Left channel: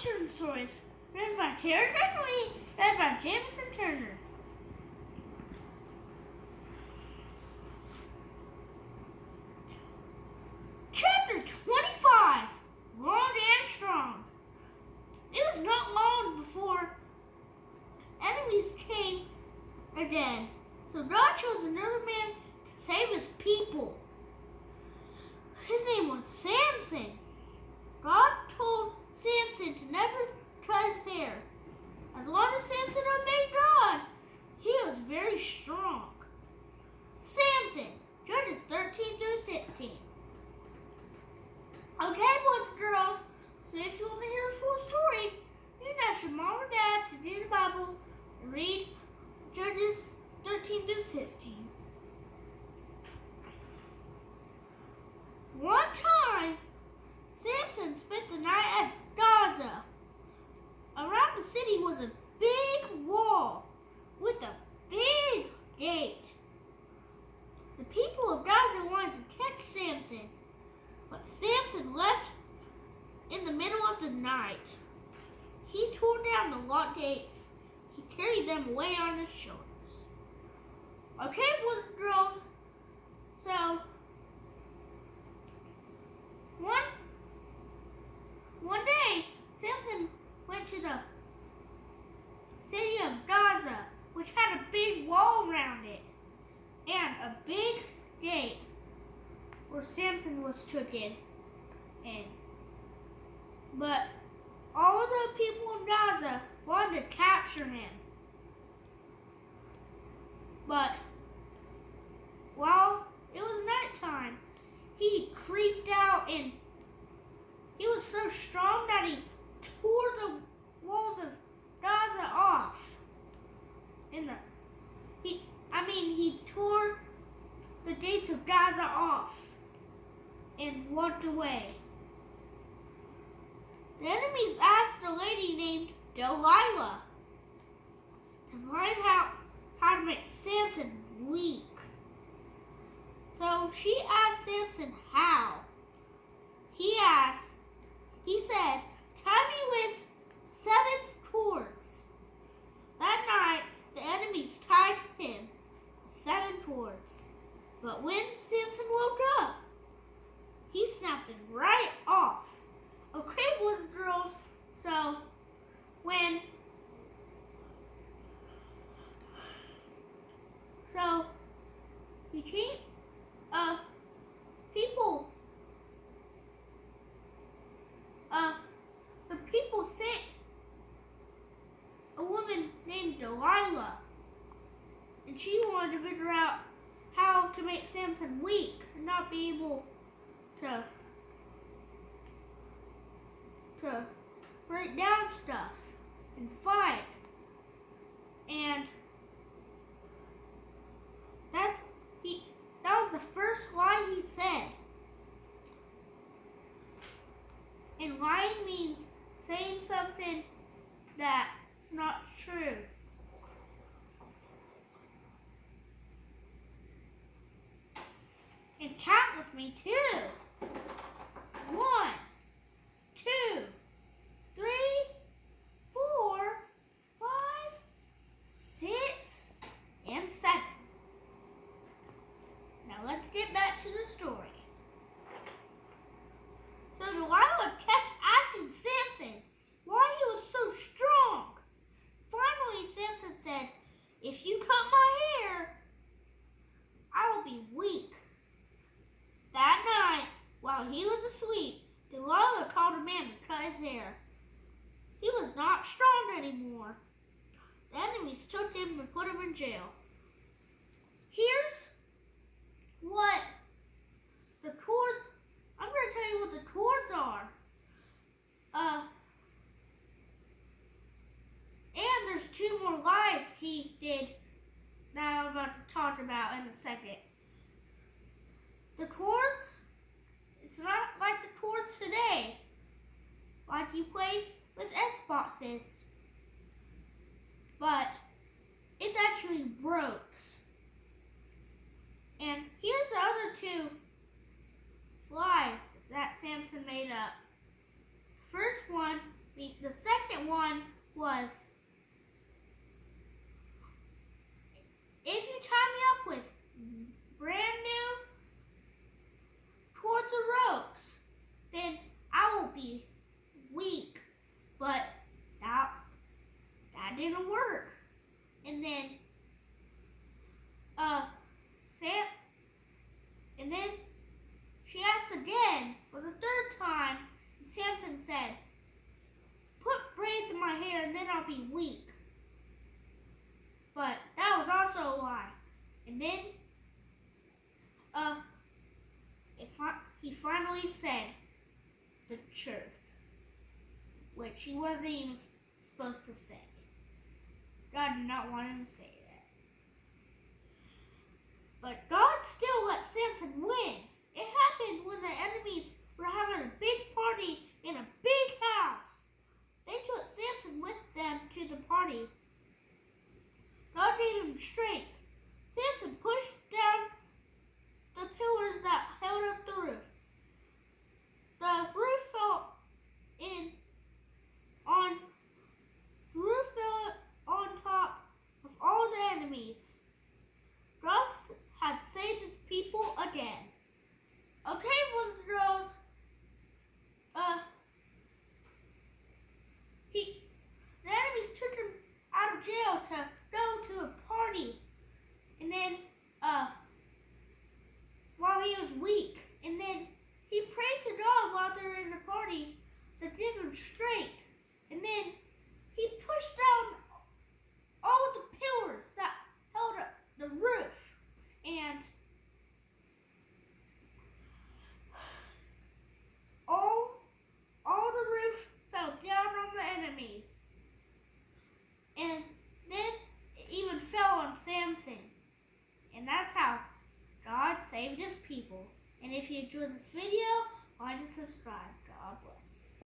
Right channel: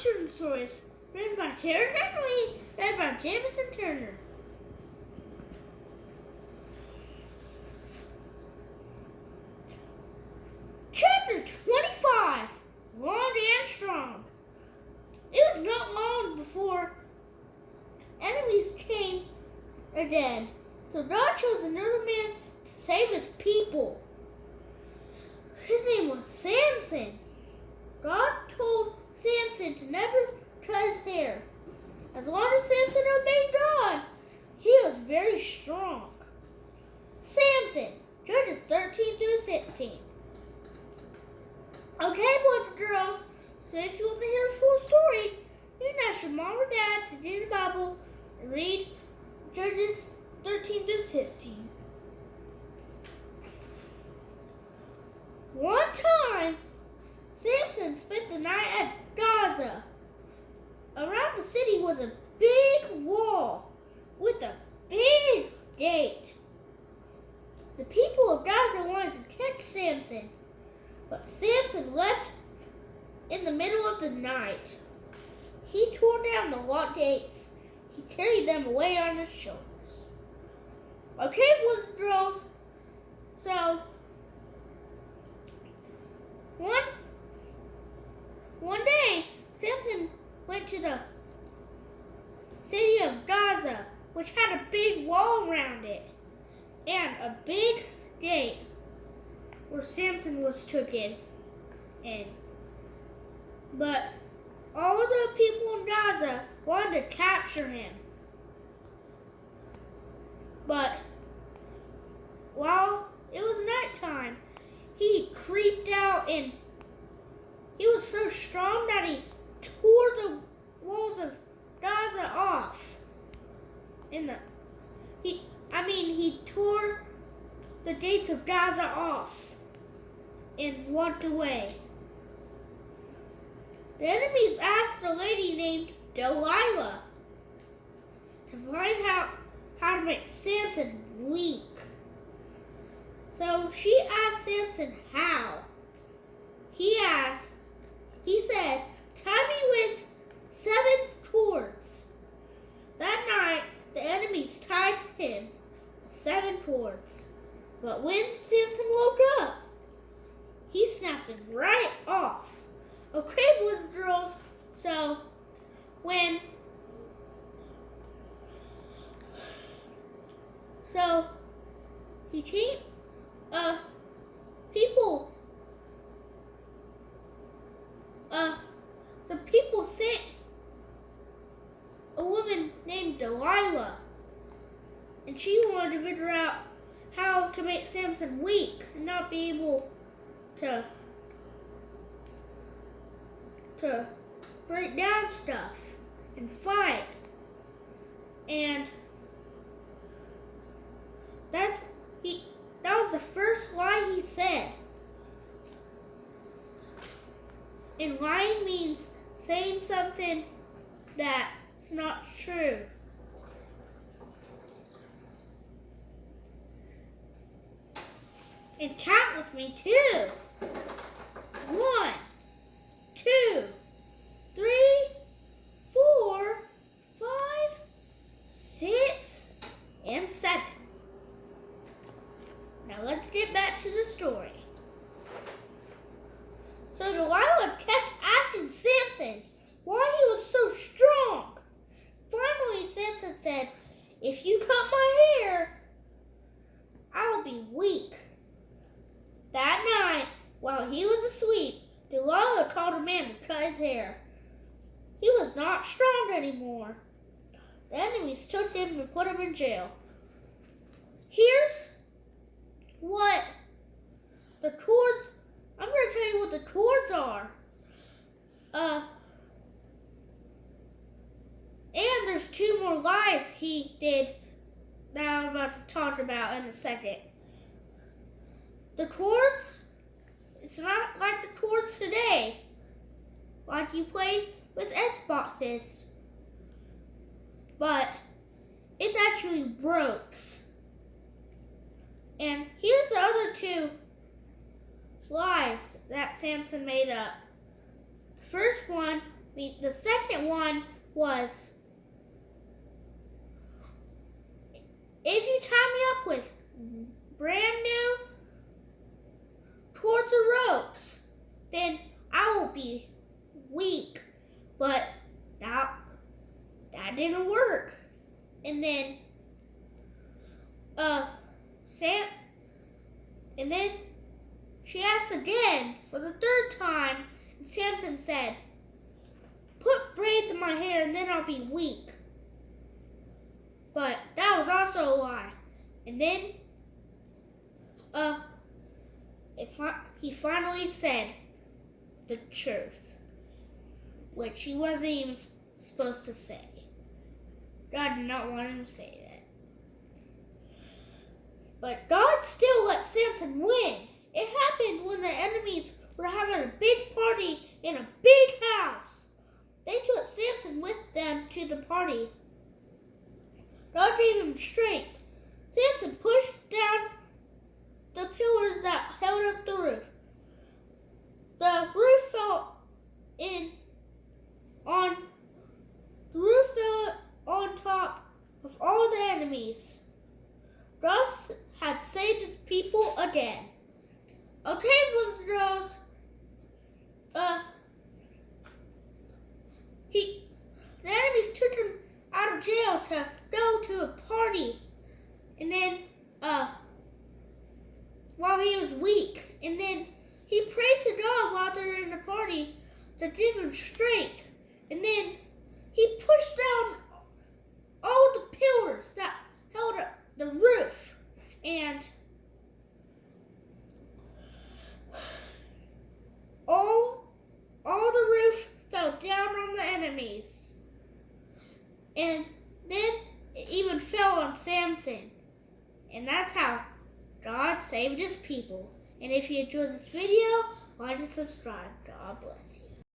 Children's Stories, written by Karen Bentley, read by Jamison Turner. Chapter 25, Long and Strong. It was not long before enemies came again, so God chose another man to save his people. His name was Samson. God told Samson to never cut his hair. As long as Samson obeyed God, he was very strong. Samson, Judges 13 through 16. Okay, boys and girls, so if you want to hear the full story, you can ask your mom or dad to do the Bible and read Judges 13 through 16. One time, Samson spent the night at Gaza. Around the city was a big wall with a big gate. The people of Gaza wanted to catch Samson, but Samson left in the middle of the night. He tore down the locked gates. He carried them away on his shoulders. Okay, boys and girls, so one day, Samson went to the city of Gaza, which had a big wall around it and a big gate where Samson was taken in. But all of the people in Gaza wanted to capture him. But while it was nighttime, he creeped out and he was so strong that he tore the walls of Gaza off. He tore the gates of Gaza off and walked away. The enemies asked a lady named Delilah to find out how to make Samson weak. So she asked Samson how. He said, tie me with 7 cords. That night, the enemies tied him with 7 cords. But when Samson woke up, he snapped them right off. Okay, boys and girls, so he came, some people sent a woman named Delilah, and she wanted to figure out how to make Samson weak and not be able to break down stuff and fight. And that was the first lie he said. And lying means saying something that's not true. And count with me too. 1, 2, 3, 4, 5, 6, and 7. Now let's get back to the story. So Delilah kept asking Samson why he was so strong. Finally, Samson said, if you cut my hair, I'll be weak. That night, while he was asleep, Delilah called a man to cut his hair. He was not strong anymore. The enemies took him and put him in jail. Here's what the cords, I'm going to tell you what the cords are. And there's 2 more lies he did that I'm about to talk about in a second. The cords, it's not like the cords today, like you play with Xboxes, but it's actually ropes. And here's the other 2 lies that Samson made up. The first one The second one was, if you tie me up with brand new towards the ropes, then I will be weak. But that didn't work. And then and then she asked again for the third time, and Samson said, "Put braids in my hair and then I'll be weak." But that was also a lie. And then he finally said the truth, which he wasn't even supposed to say. God did not want him to say that. But God still let Samson win. It happened when the enemies were having a big party in a big house. They took Samson with them to the party. God gave him strength. Samson pushed down the pillars that held up the roof. The roof fell on top of all the enemies. God had saved his people again. Okay, boys and girls. The enemies took him out of jail to go to a party, and then while he was weak, and then he prayed to God while they were in the party to give him strength, and then he pushed down all the pillars that held up the roof, and all the roof fell down on the enemies, and then it even fell on Samson, and that's how God saved his people. And if you enjoyed this video, like and subscribe. God bless you.